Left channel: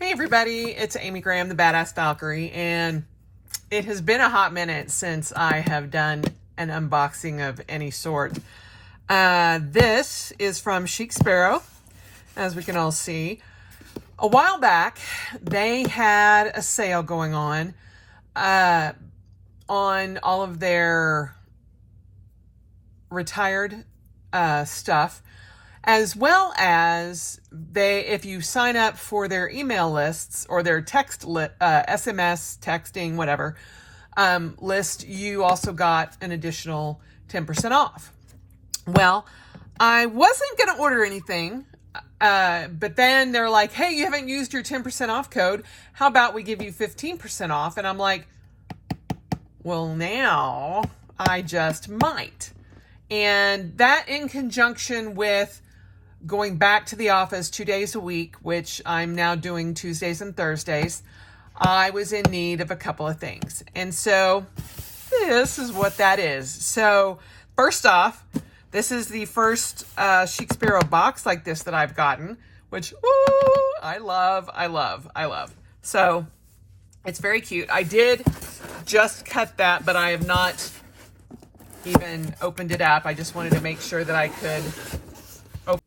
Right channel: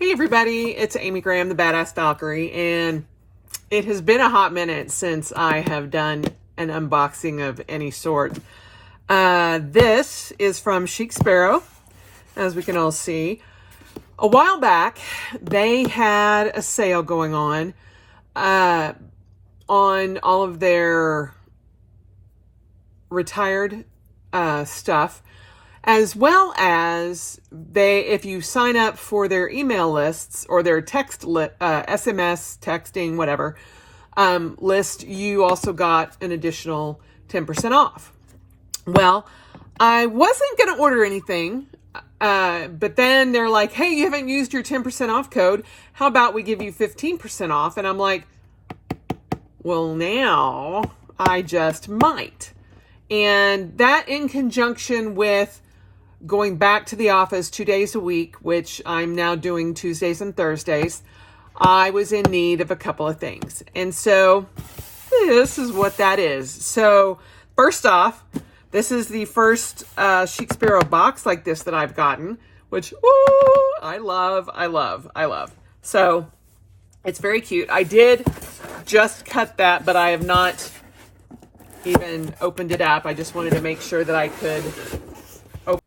Hey everybody, it's Amy Graham, the Badass Valkyrie, and it has been a hot minute since I have done an unboxing of any sort. This is from Chic Sparrow, as we can all see. A while back, they had a sale going on all of their retired stuff, as well as if you sign up for their email lists or their SMS texting, whatever, list, you also got an additional 10% off. Well, I wasn't going to order anything, but then they're like, hey, you haven't used your 10% off code. How about we give you 15% off? And I'm like, well, now I just might. And that in conjunction with going back to the office 2 days a week, which I'm now doing Tuesdays and Thursdays, I was in need of a couple of things. And so this is what that is. So first off, this is the first Chic Sparrow box like this that I've gotten, which I love. So it's very cute. I did just cut that, but I have not even opened it up. I just wanted to make sure that I could open.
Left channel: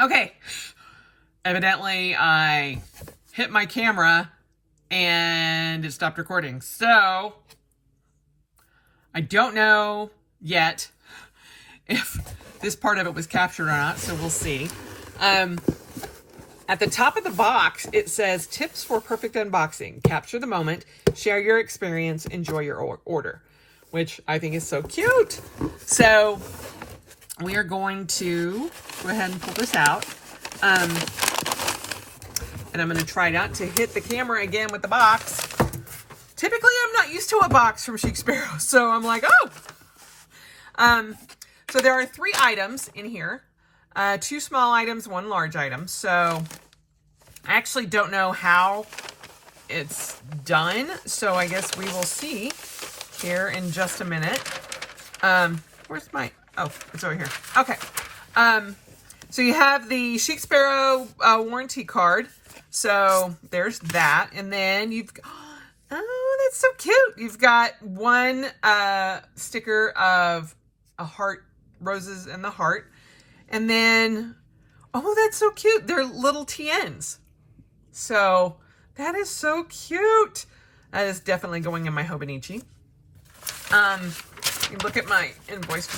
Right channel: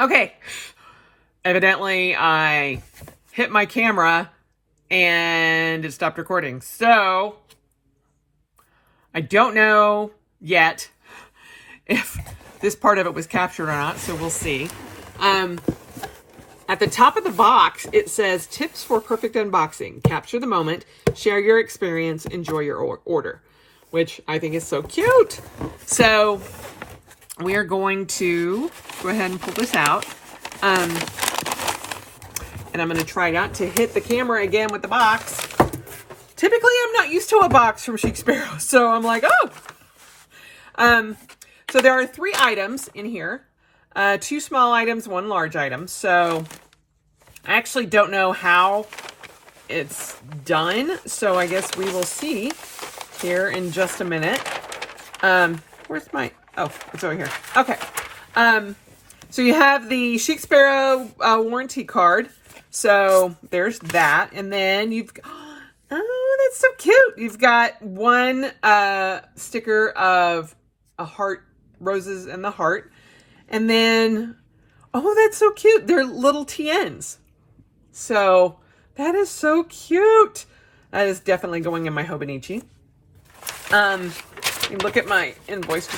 Okay. Evidently, I hit my camera and it stopped recording. So I don't know yet if this part of it was captured or not, so we'll see. At the top of the box, it says, tips for perfect unboxing. Capture the moment, share your experience, enjoy your order, which I think is so cute. So we are going to go ahead and pull this out. And I'm going to try not to hit the camera again with the box. Typically, I'm not used to a box from Chic Sparrow, so I'm like, oh. So there are 3 items in here. 2 small items, 1 large item. So I actually don't know how it's done. So I guess we will see here in just a minute. Where's my, oh, it's over here. Okay. So you have the Chic Sparrow warranty card. So there's that. And then you've, oh, that's so cute. You've got 1 sticker of a heart, roses and the heart. And then, oh, that's so cute. They're little TNs. So that is so cute. That is definitely going in my Hobonichi. You look at my invoice.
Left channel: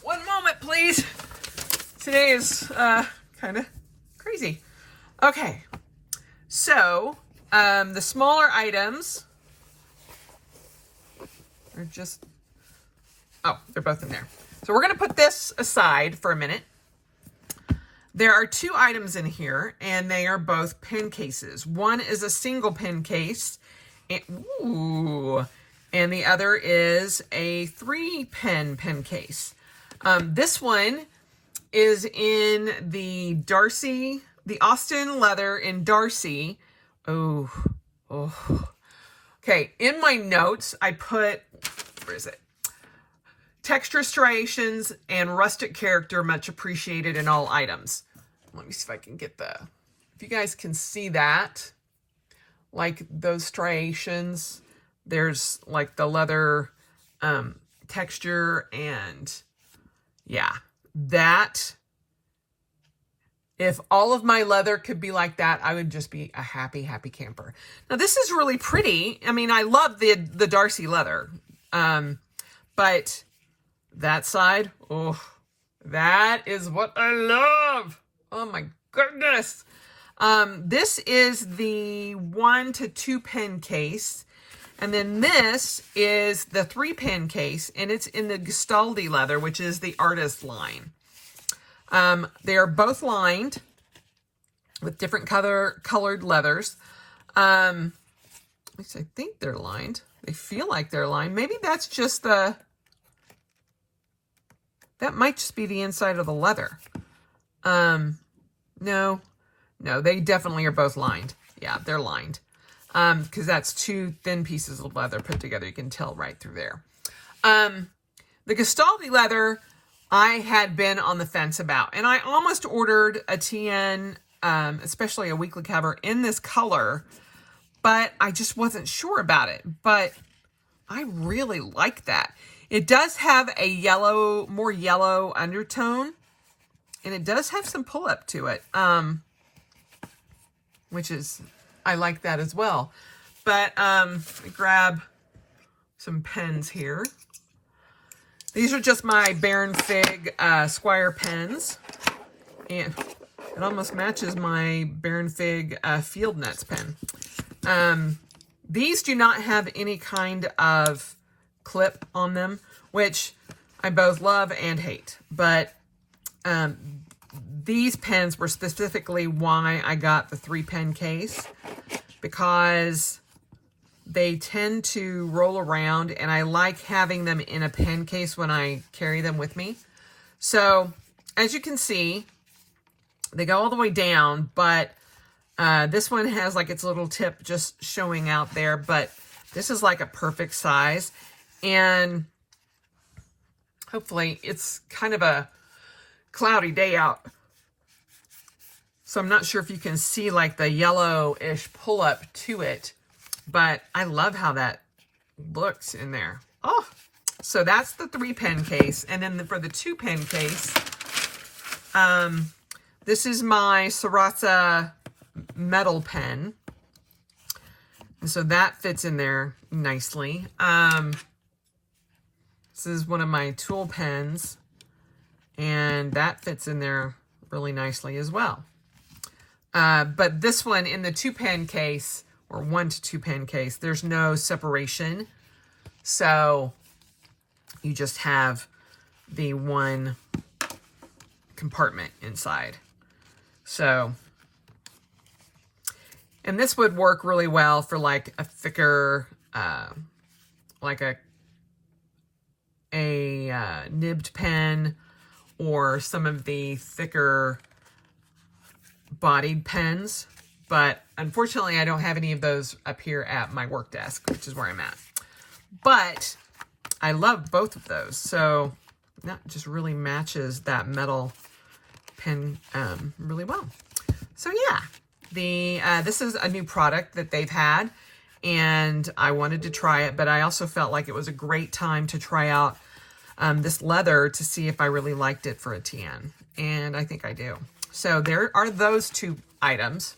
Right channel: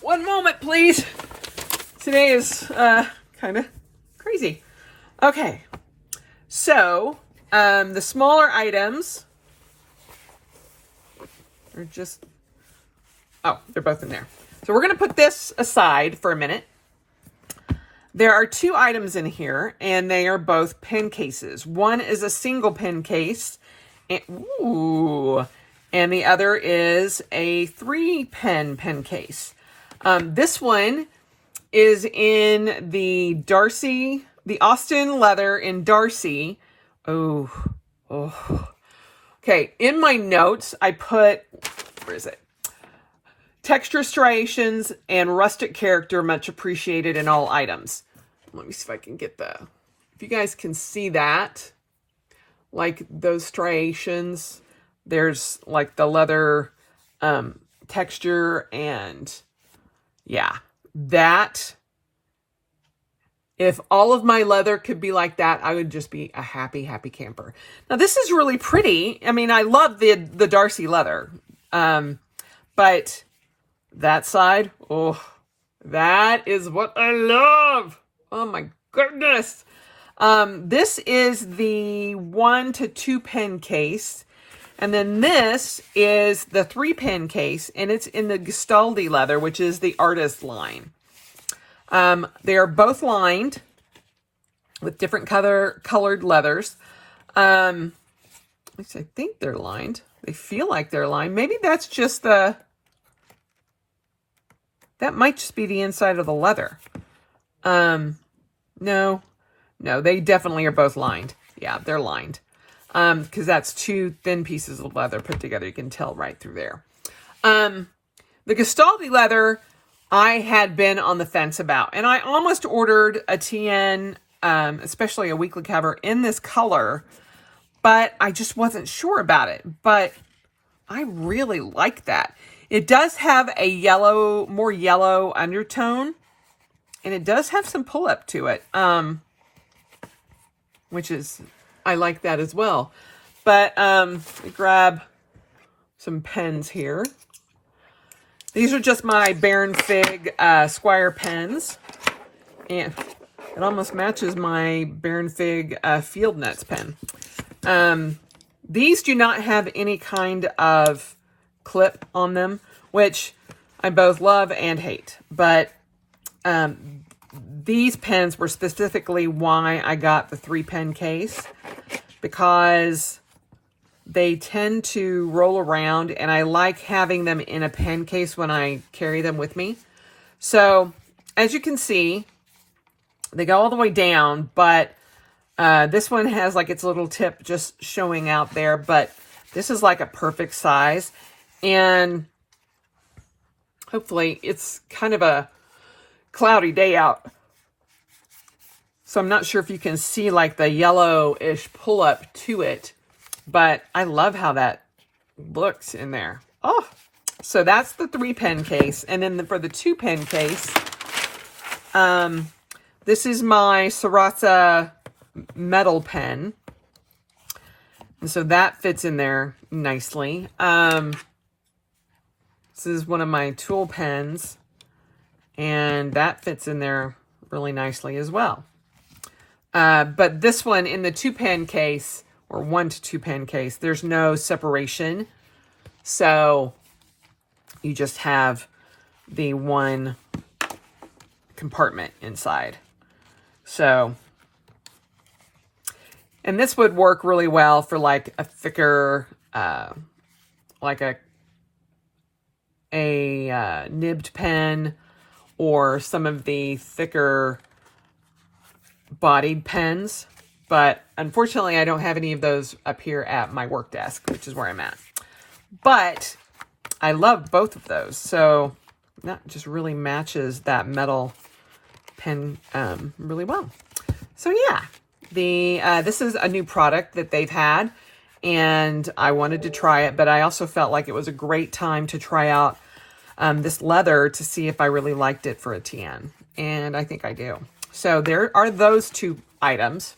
One moment, please. Today is kind of crazy. Okay. So, the smaller items are just, oh, they're both in there. So we're going to put this aside for a minute. There are 2 items in here, and they are both pen cases. One is a single pen case, and the other is a 3-pen pen case. This one is in the Austin leather in Darcy. Oh. Okay, in my notes, I put, where is it? Texture striations and rustic character much appreciated in all items. Let me see if I can get if you guys can see that, like those striations, there's like the leather texture, and yeah, that, if all of my leather could be like that, I would just be a happy camper. Now this is really pretty. I mean, I love the Darcy leather, but that side, oh, that is what I love. Oh my goodness. This is the 1 to 2 pen case. And then this is the 3-pen case, and it's in the Gestaldi leather, which is the artist line. They are both lined with different colored leathers. At least I think they're lined. They feel like they're lined. Maybe that's just that might just be the inside of the leather. No, they definitely are both lined. Yeah, they're lined. Because that's 2 thin pieces of leather put together. You can tell right through there. The Gestaldi leather, I had been on the fence about. And I almost ordered a TN especially a weekly cover in this color, but I just wasn't sure about it. But I really like that. It does have a yellow, more yellow undertone, and it does have some pull up to it, which is, I like that as well. But grab some pens here. These are just my Baron Fig Squire Pens, and it almost matches my Baron Fig Field Nuts pen. These do not have any kind of clip on them, which I both love and hate. But these pens were specifically why I got the 3-pen case, because they tend to roll around, and I like having them in a pen case when I carry them with me. So, as you can see, they go all the way down, but this one has like its little tip just showing out there, but this is like a perfect size. And hopefully it's kind of a cloudy day out, so I'm not sure if you can see like the yellowish pull up to it, but I love how that looks in there. Oh, so that's the 3-pen case. And then for the 2-pen case, this is my Sarasa metal pen. And so that fits in there nicely. This is one of my tool pens, and that fits in there really nicely as well. But this one in the 2-pen case, or 1 to 2-pen case, there's no separation. So you just have the one compartment inside. So, and this would work really well for like a thicker, like a nibbed pen, or some of the thicker bodied pens. But unfortunately, I don't have any of those up here at my work desk, which is where I'm at. But I love both of those. So that just really matches that metal pen really well. So yeah, this is a new product that they've had, and I wanted to try it, but I also felt like it was a great time to try out this leather to see if I really liked it for a tan. And I think I do. So there are those 2 items.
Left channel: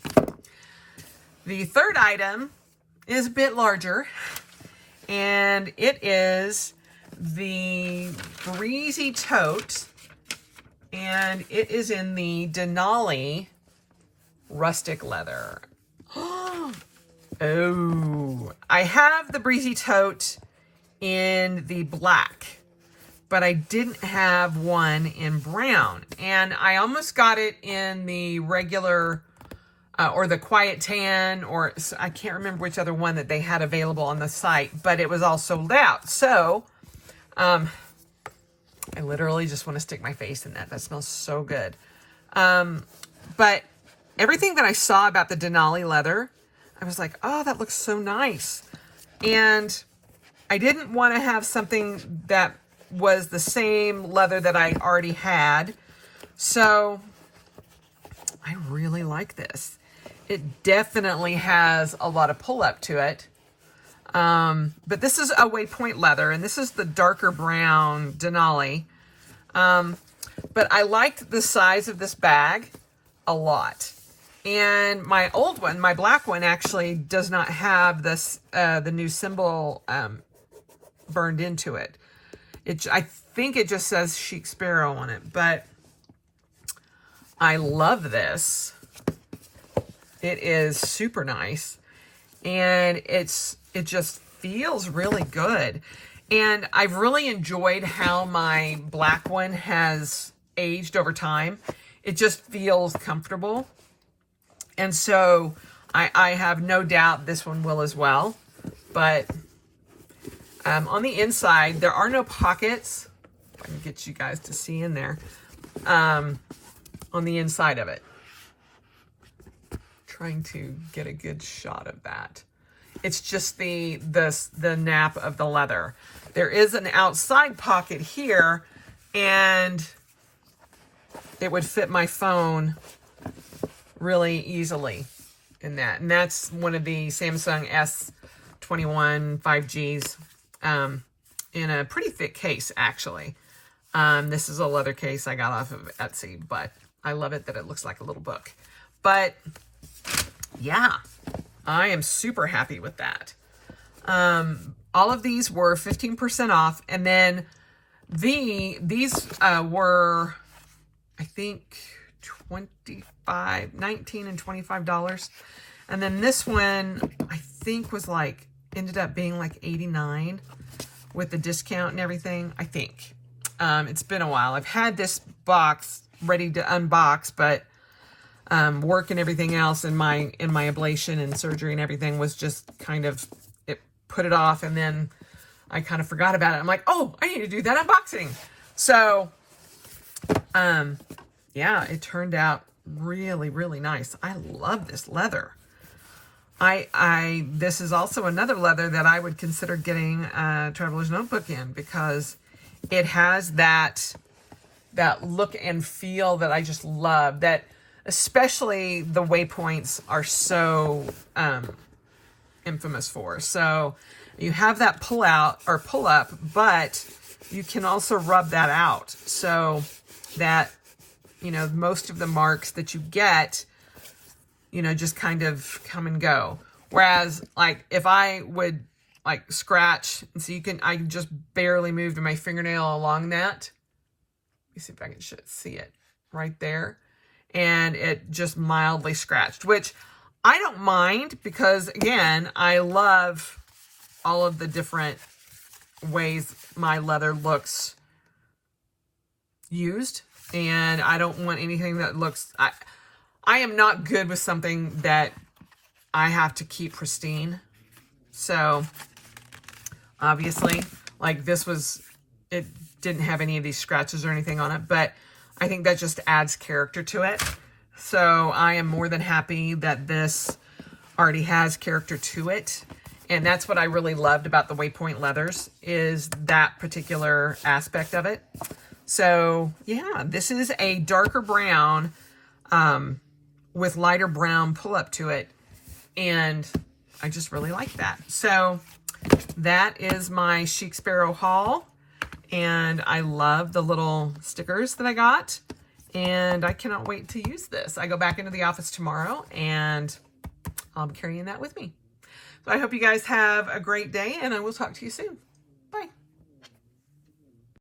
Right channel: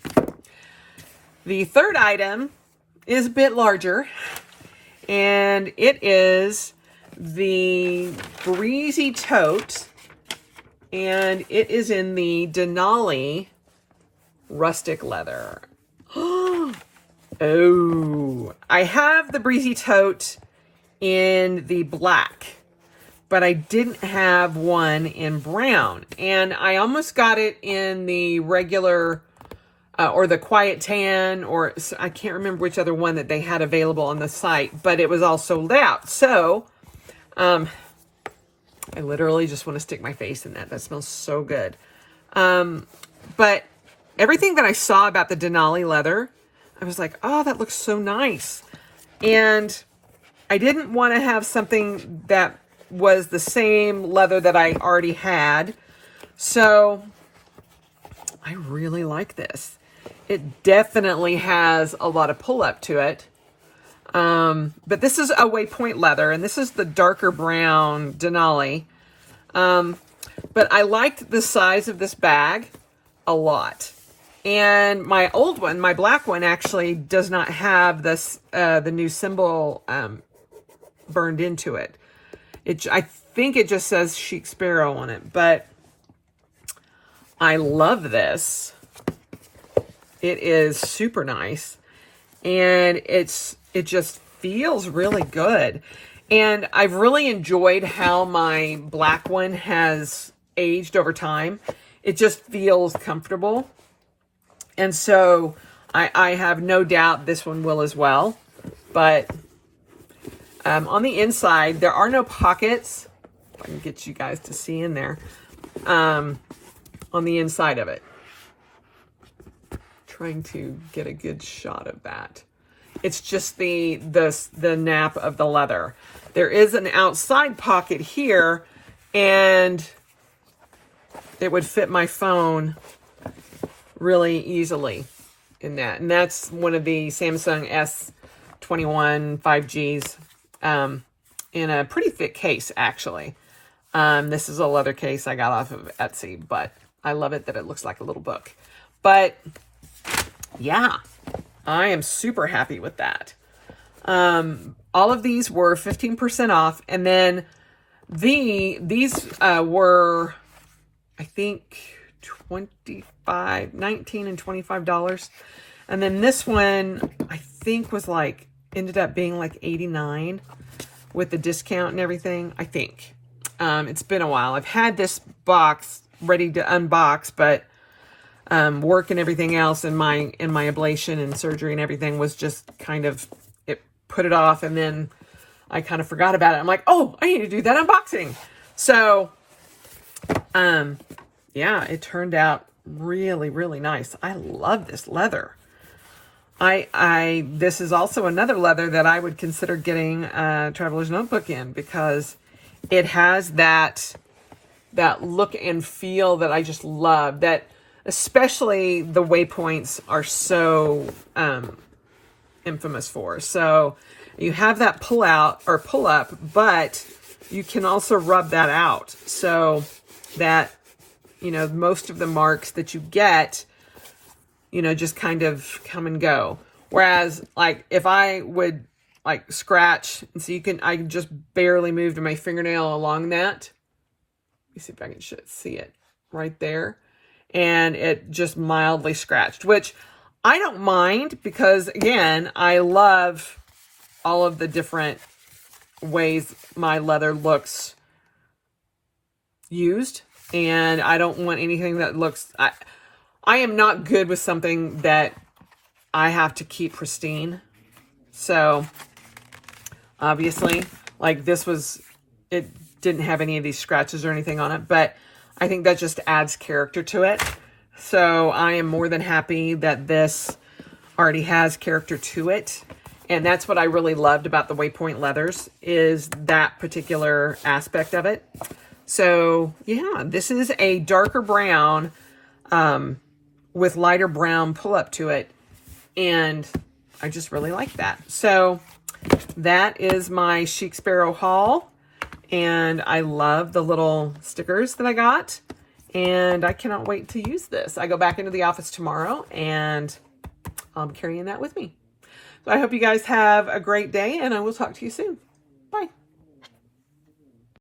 The third item is a bit larger, and it is the Breezy Tote, and it is in the Denali rustic leather. Oh, I have the Breezy Tote in the black, but I didn't have one in brown, and I almost got it in the regular or the quiet tan, or I can't remember which other one that they had available on the site, but it was all sold out. So I literally just want to stick my face in that. That smells so good. But everything that I saw about the Denali leather, I was like, oh, that looks so nice. And I didn't want to have something that was the same leather that I already had. So I really like this. It definitely has a lot of pull up to it. But this is a waypoint leather, and this is the darker brown Denali. But I liked the size of this bag a lot. And my old one, my black one, actually does not have this the new symbol burned into it. I think it just says Chic Sparrow on it, but I love this. It is super nice, and it just feels really good. And I've really enjoyed how my black one has aged over time. It just feels comfortable. And so I have no doubt this one will as well. But on the inside, there are no pockets. If I can get you guys to see in there. On the inside of it. Trying to get a good shot of that. It's just the nap of the leather. There is an outside pocket here, and it would fit my phone really easily in that. And that's one of the Samsung S21 5Gs in a pretty thick case, actually. This is a leather case I got off of Etsy, but I love it that it looks like a little book. But yeah, I am super happy with that. All of these were 15% off. And then these were, I think, $19 and $25. And then this one, I think, was like, ended up being like $89 with the discount and everything, I think. It's been a while. I've had this box ready to unbox, but work and everything else in my ablation and surgery and everything was just kind of, it put it off, and then I kind of forgot about it. I'm like, oh, I need to do that unboxing. So yeah, it turned out really, really nice. I love this leather. This is also another leather that I would consider getting a traveler's notebook in, because it has that look and feel that I just love, that especially the waypoints are so infamous for. So you have that pull out or pull up, but you can also rub that out, so that, you know, most of the marks that you get, you know, just kind of come and go. Whereas, like, if I would, like, scratch, and so I just barely moved my fingernail along that. Let me see if I can see it right there. And it just mildly scratched, which I don't mind, because, again, I love all of the different ways my leather looks used. And I don't want anything that looks... I am not good with something that I have to keep pristine. So, obviously, like, this was... It didn't have any of these scratches or anything on it, but I think that just adds character to it. So, I am more than happy that this already has character to it. And that's what I really loved about the Waypoint leathers, is that particular aspect of it. So, yeah, this is a darker brown with lighter brown pull up to it. And I just really like that. So, that is my Chic Sparrow haul. And I love the little stickers that I got. And I cannot wait to use this. I go back into the office tomorrow, and I'll be carrying that with me. So I hope you guys have a great day, and I will talk to you soon.